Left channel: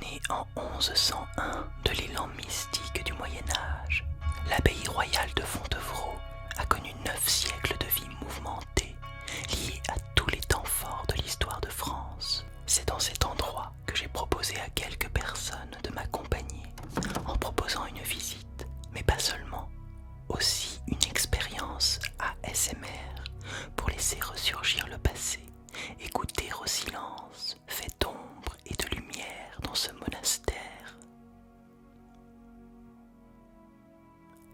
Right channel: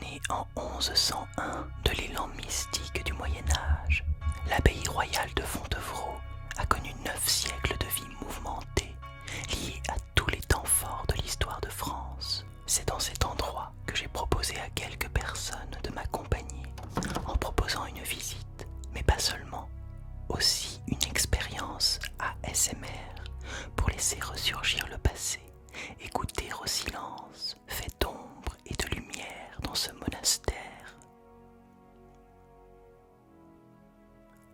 Né en 1101 de l'élan mystique du Moyen-Âge, l'abbaye royale de Fontevraud a connu 9 siècles de vie mouvementée, liés à tous les temps forts de l'histoire de France. C'est dans cet endroit que j'ai proposé à quelques personnes de m'accompagner en proposant une visite, mais pas seulement, aussi une expérience ASMR pour laisser ressurgir le passé et goûter au silence fait d'ombre et de lumière dans ce monastère.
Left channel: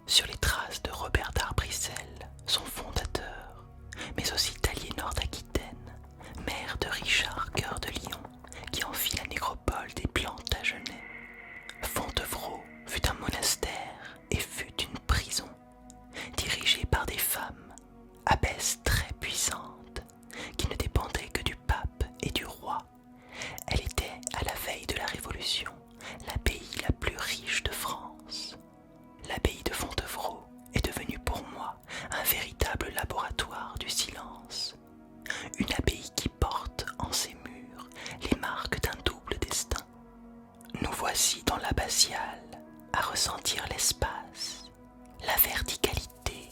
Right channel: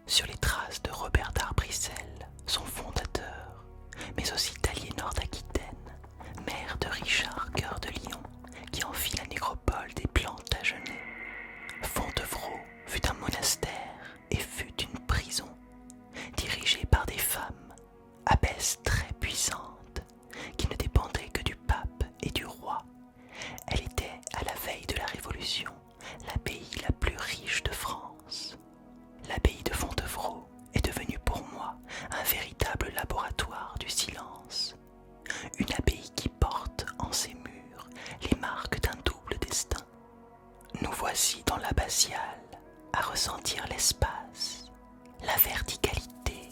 Sur les traces de Robert d'Arbrissel, son fondateur, mais aussi d'Aliénor d'Aquitaine, mère de Richard Cœur de Lion, qui en fit la nécropole des Plantagenets. Fontevraud fut un monastère et fut une prison, dirigée par des femmes, abbesses très puissantes, qui ne dépendaient que du pape et du roi. Elle était, à la veille de la Révolution, l'abbaye la plus riche de France. L'abbaye de Fontevraud est devenue pour moi un véritable laboratoire du silence. Une abbaye qui porte en ses murs les marques d'un double destin. Nous voici dans l'abbatiale, à ressentir l'espace, la verticalité,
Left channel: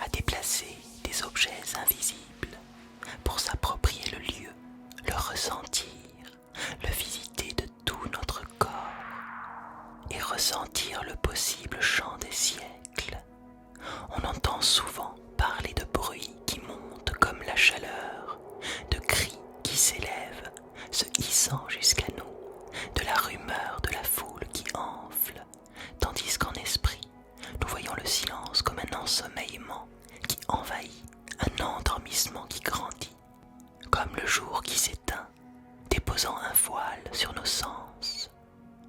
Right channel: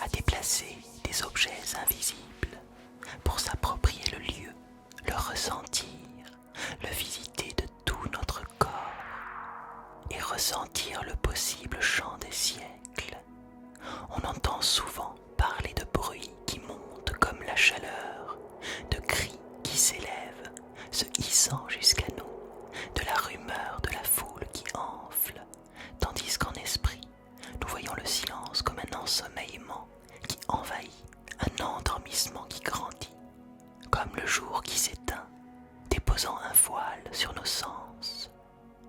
à déplacer des objets invisibles pour s'approprier le lieu, le ressentir, le visiter de tout notre corps et ressentir le possible chant des siècles. On entend souvent parler de bruits qui montent comme la chaleur, de cris qui s'élèvent, se hissant jusqu'à nous, de la rumeur de la foule qui enfle, tandis qu'en esprit, nous voyons le silence comme un ensommeillement qui envahit, un endormissement qui grandit, comme le jour qui s'éteint, déposant un voile sur nos sens.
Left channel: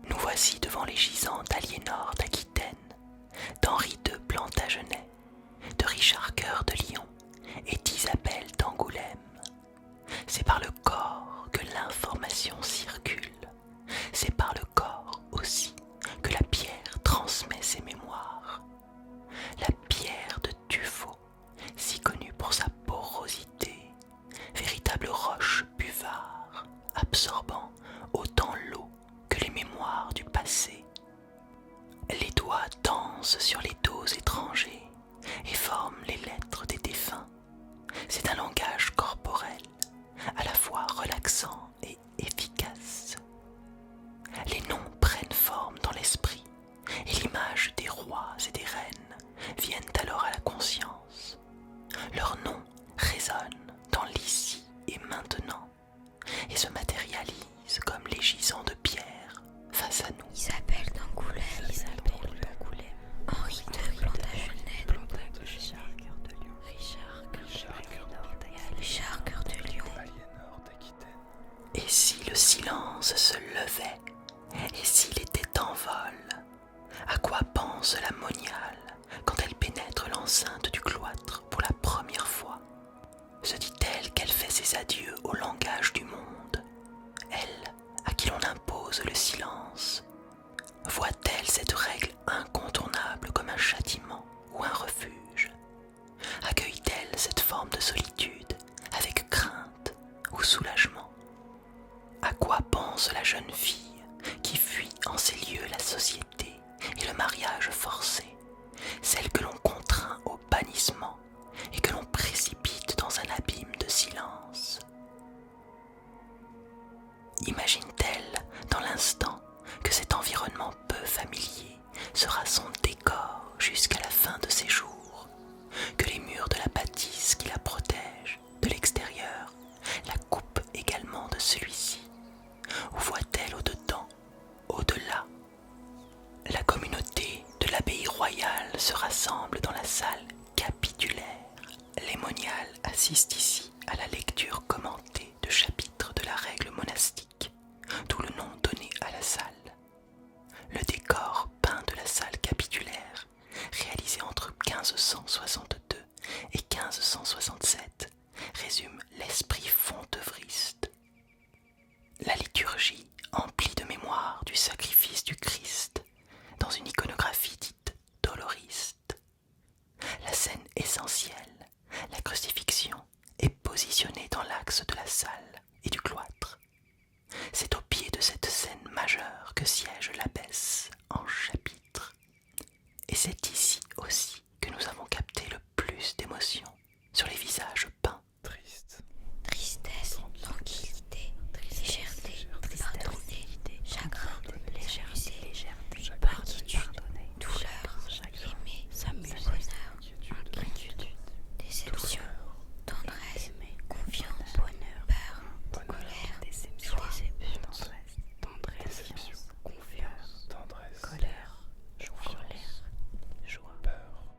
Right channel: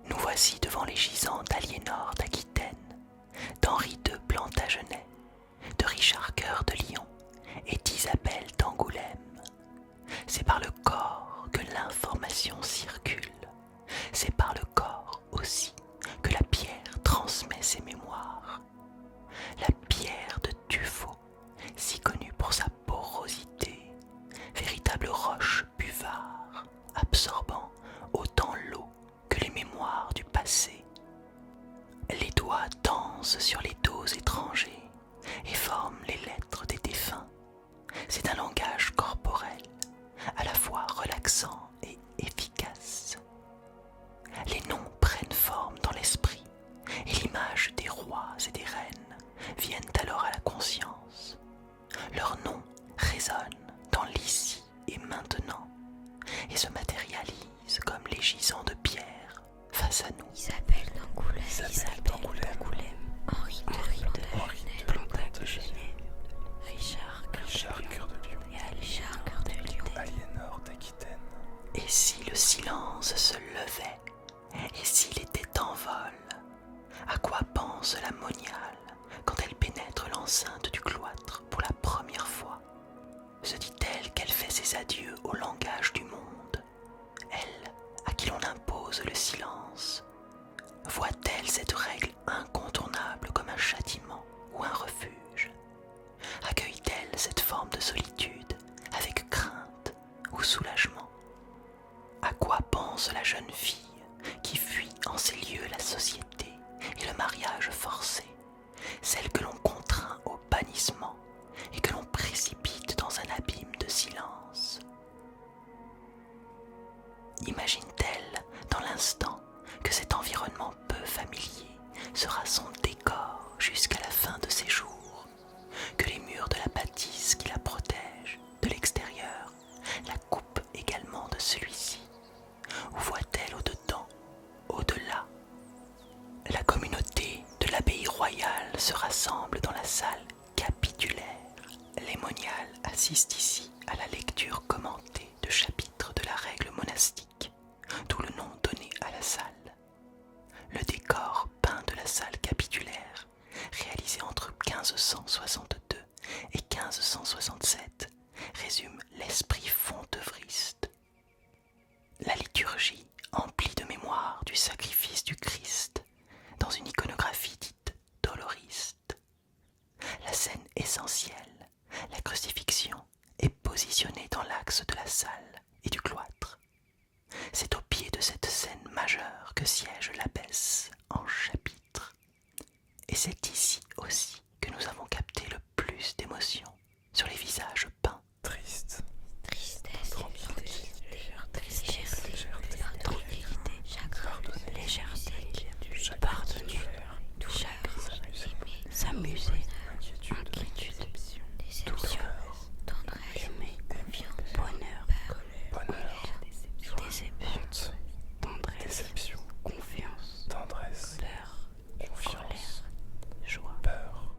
Nous voici devant les gisants d'Aliénor d'Aquitaine, d'Henri II Plantagenet, de Richard Cœur de Lion et d'Isabelle d'Angoulême. C'est par le corps que l'information circule, c'est par le corps aussi que la pierre transmet ses mémoires. La pierre de tuffeau, si connue pour sa porosité, véritable roche buvard, absorbant autant l'eau que les mémoires du passé. Les doigts dansent sur les dos étrangers et forment les lettres des défunts. C'est un langage corporel, à la fois relaxant et efficace. Les noms prennent forme dans l'esprit et l'image des rois et des reines viennent alors à la conscience. Leurs noms résonnent dans l'ici et maintenant et se matérialisent comme les gisants de pierre face à nous. Isabelle d'Angoulême, Henri II Plantagenet, Richard Cœur de Lion, Aliénor d'Aquitaine. Et si le silence se levait, et s'il était en vol, à quoi pense la moniale quand elle pénètre l'enceinte du cloître pour la première fois? Se dit-elle qu'elle fait ses adieux au langage du monde, elle à qui l'on impose le silence? Voit-elle cette règle incontournable comme un châtiment ou un refuge? Accueille-t-elle cette forme de solitude avec crainte ou soulagement? À quoi pense la jeune fille qui fuit en ces lieux la société et le mariage forcé, celle que l'on contraint au bannissement et que l'on précipite dans un abîme de silence? Imagine-t-elle dans l'instant que cet environnement peu familier sera son décor jusqu'à la fin de ses jours, que les murs de la bâtisse qui la protègent de l'extérieur la coupent également de celui-ci? Ou voit-elle au-dedans, au-delà? La communauté de l'abbaye royale se rassemble dans la salle capitulaire. Les moniales assistent ici à la lecture commentée de chapitres de la règle monastique, d'où le nom donné à la salle. Le décor peint de la salle capitulaire, réalisé entre 1562 et 1567, résume l'esprit fontevriste. La liturgie emplie de mémoire du sacrifice du Christ dans une iconographie dite doloriste. La scène essentielle, la crucifixion, est positionnée dans l'axe de la salle et du cloître. C'est au pied de cette scène majeure que siège l'abbesse en chapitre. Et c'est ici aussi que nous avons capté le plus d'émotions sur les visages peints. Triste, Tristesse, tranquillité, légèreté, intranquillité, chagrin, légèreté, pardonner, douleur, aimer, s'amuser, inquiétude, déception, tendresse, confiance, bonheur, peur, colère, déception, tendresse, déception, confiance, tendresse, colère, confiance, joie. peur.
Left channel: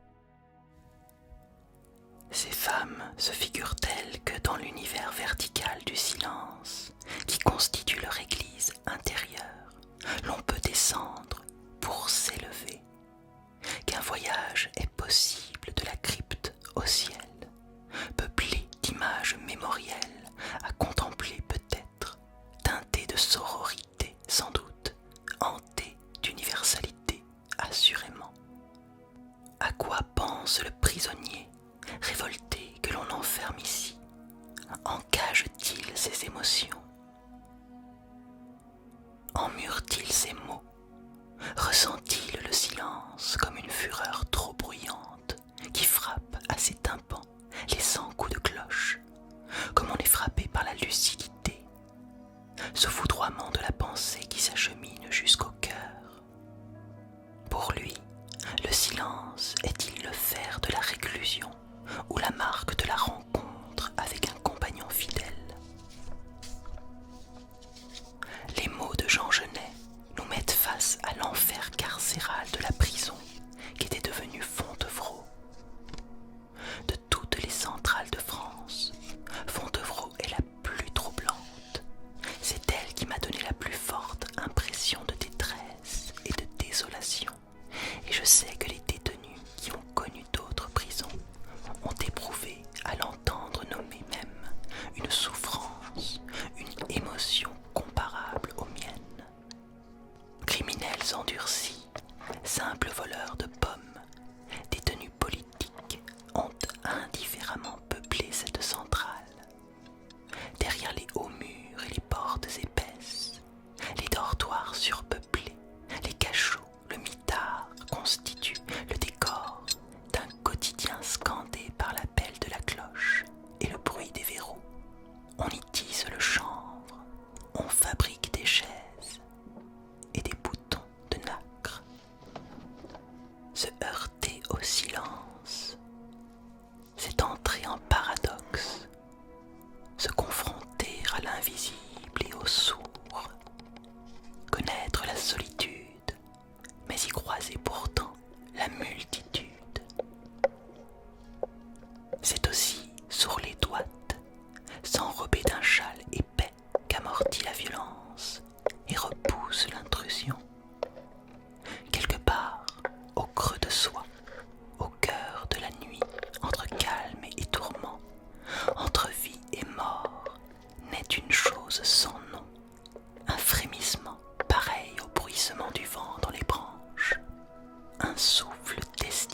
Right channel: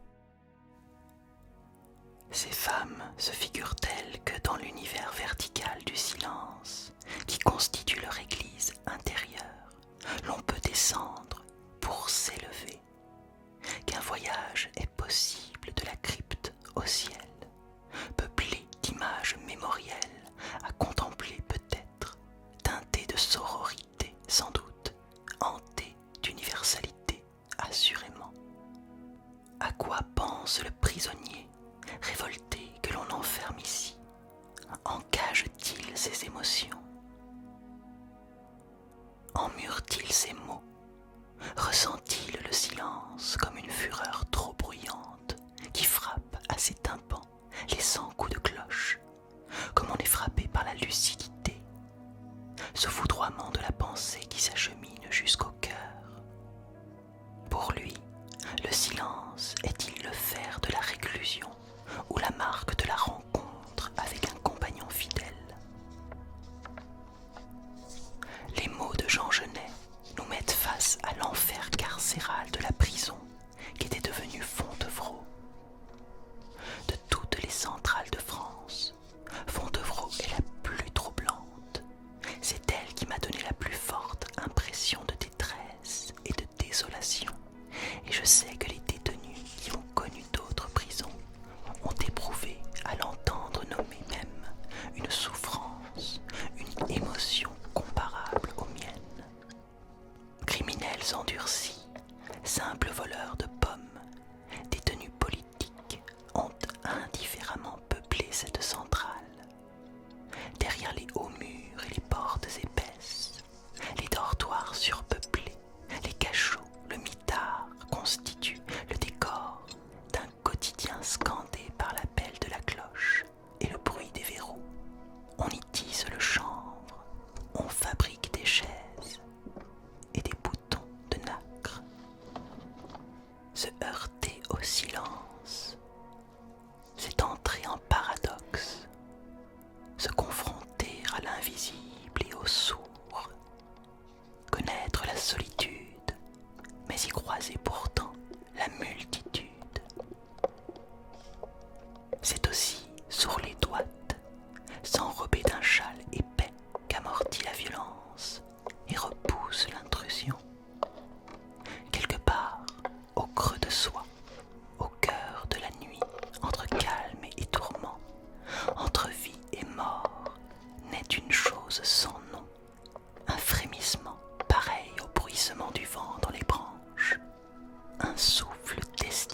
Ces femmes se figurent-elles que dans l'univers vertical du silence, qui constitue leur église intérieure, l'on peut descendre pour s'élever, qu'un voyage est possible de la crypte au ciel, peuplé d'images mémorielles à contempler peut-être, teinté de sororité sans doute, hanté d'universalité assurément. À quoi pense le prisonnier révolté que l'on enferme ici? Encage-t-il ses émotions? Emmure-t-il ses mots? Ressent-il le silence comme une fureur trop bruyante qui frappe à ses tympans les 100 coups de cloche, comme on est frappé par la lucidité, ce foudroiement de la pensée qui s'achemine jusqu'au cœur? Pour lui, le silence est-il le fer de la réclusion ou la marque de la rencontre avec un compagnon fidèle? Les mots de Jean Genet nous mettent face à l'enfer carcéral de la prison qui était devenue Fontevraud. De toutes les centrales de France, Fontevraud est la plus troublante. C'est elle qui m'a donné la plus forte impression de détresse et de désolation. Et je sais que les détenus qui ont connu d'autres prisons ont éprouvé à l'entendre nommer même une souffrance, une émotion comparable aux miennes. Criminels endurcis, simples voleurs de pommes, détenus politiques ont indifféremment peuplé cette centrale. Derrière les hauts murs et les portes épaisses, les dortoirs surpeuplés, les cachots, le mitard constituent le décor d'un quotidien scandé par l'appel de la cloche et le bruit des verrous. On y tisse le chanvre, on fabrique des chaises et des boutons de nacre. Se heurter au silence, c'est entrer en paradoxe, se confronter à l'invisible et au sourd, connaître la solitude, mais y croiser pourtant la multitude. C'est aussi sourd les douates, s'enrober d'un châle épais qu'amortit la violence et repousse l'intrusion. Quelque part, au creux de soi, au cœur de la nuit, entre calme et tourment, entre vie et mort, naît une chose sans nom, un frémissement pareil au bruissement du vent dans les branches, un souffle destiné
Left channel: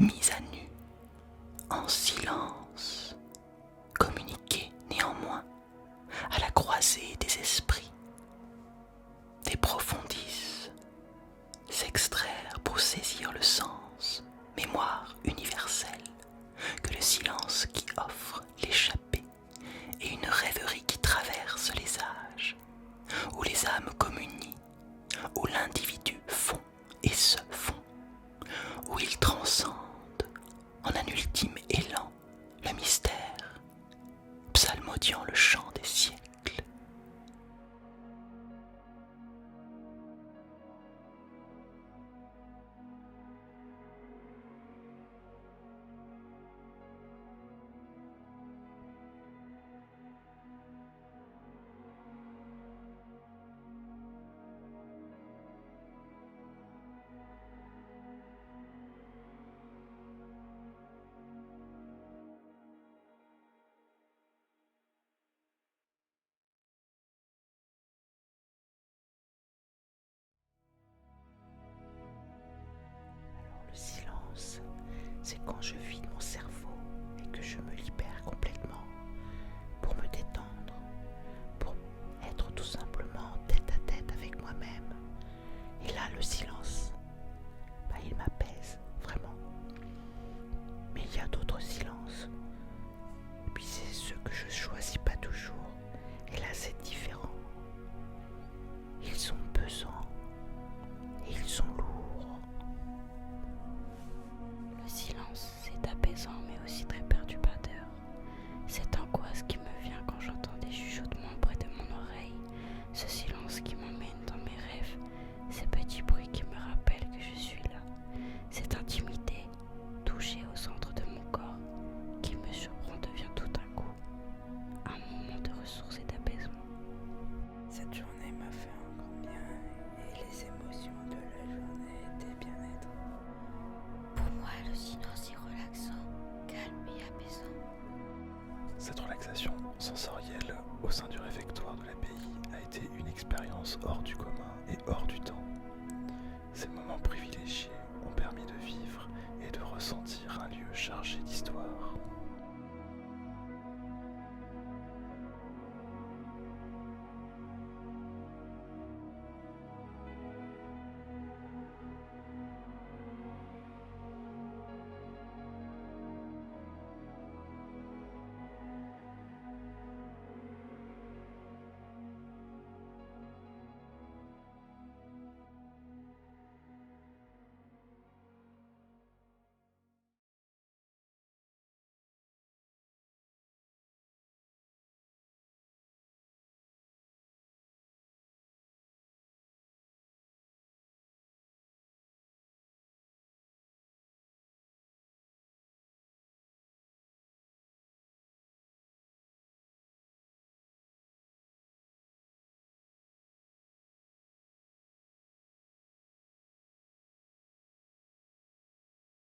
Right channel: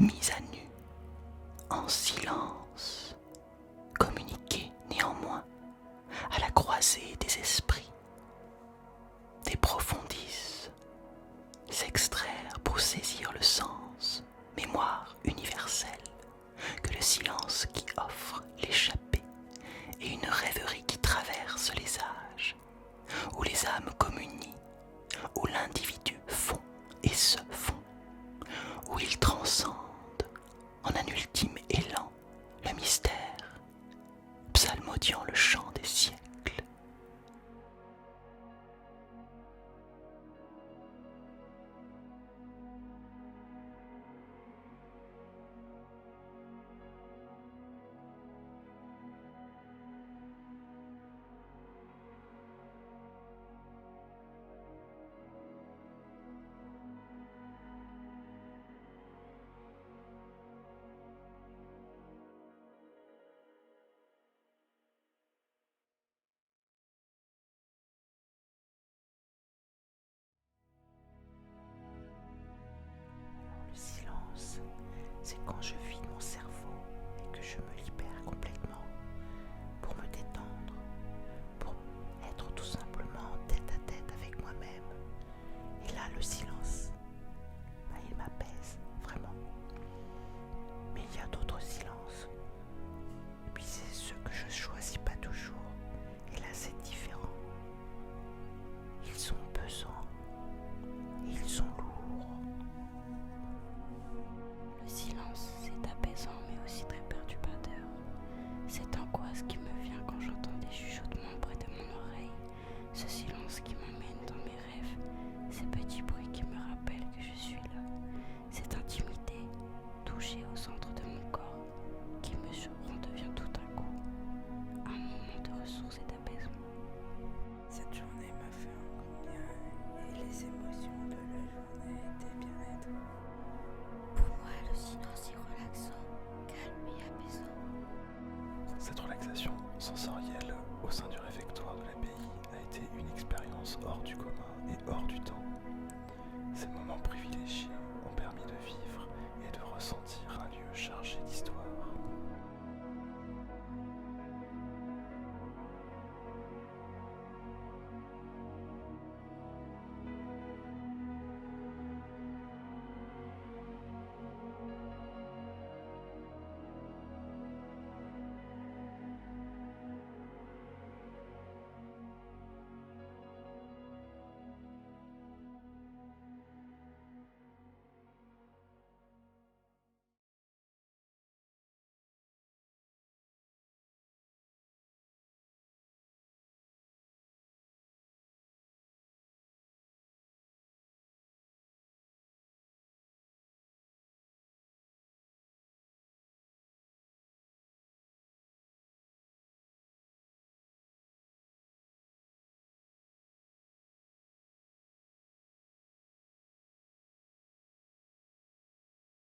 mis à nu, en silence, communiquer néanmoins à la croisée des esprits, des profondis, s'extraire pour saisir le sens, mémoire universelle, que le silence qui offre l'échappée et une rêverie qui traverse les âges, où les âmes communient, où l'individu fond et se fond, où il transcende en un ultime élan le mystère, psalmodiant le chant des siècles. Le silence, c'est quand je vide mon cerveau et que je me libère complètement pour me détendre, pour être tout simplement tête à tête avec moi-même. Et là, le silence, il m'apaise vraiment. Mais il y a d'autres silences. Et puis c'est ceux que je choisis pas toujours. Et là, c'est différent. Ils sont pesants et ils sont lourds. Le silence, c'est apaisant mais aussi très perturbateur. Cette angoisse qui me vient quand j'entends des chuchotements près de mon oreille, ce silence qui m'emmène dans mes rêves, ces petits bruits qui me rappellent que je suis là, cette intimité, touchée au centre de mon corps, qui me surprend devient tout d'un coup un moment de ressources et d'apaisement. Cette journée m'a fait un grand bien et les émotions de la journée étaient bien-être. Pour moi, le silence est relaxant, calme et apaisant. Cette relaxation sensorielle au sein du réfectoire de l'abbaye a été une expérience hors du commun et hors du temps. Ces moments privilégiés ont permis de vivre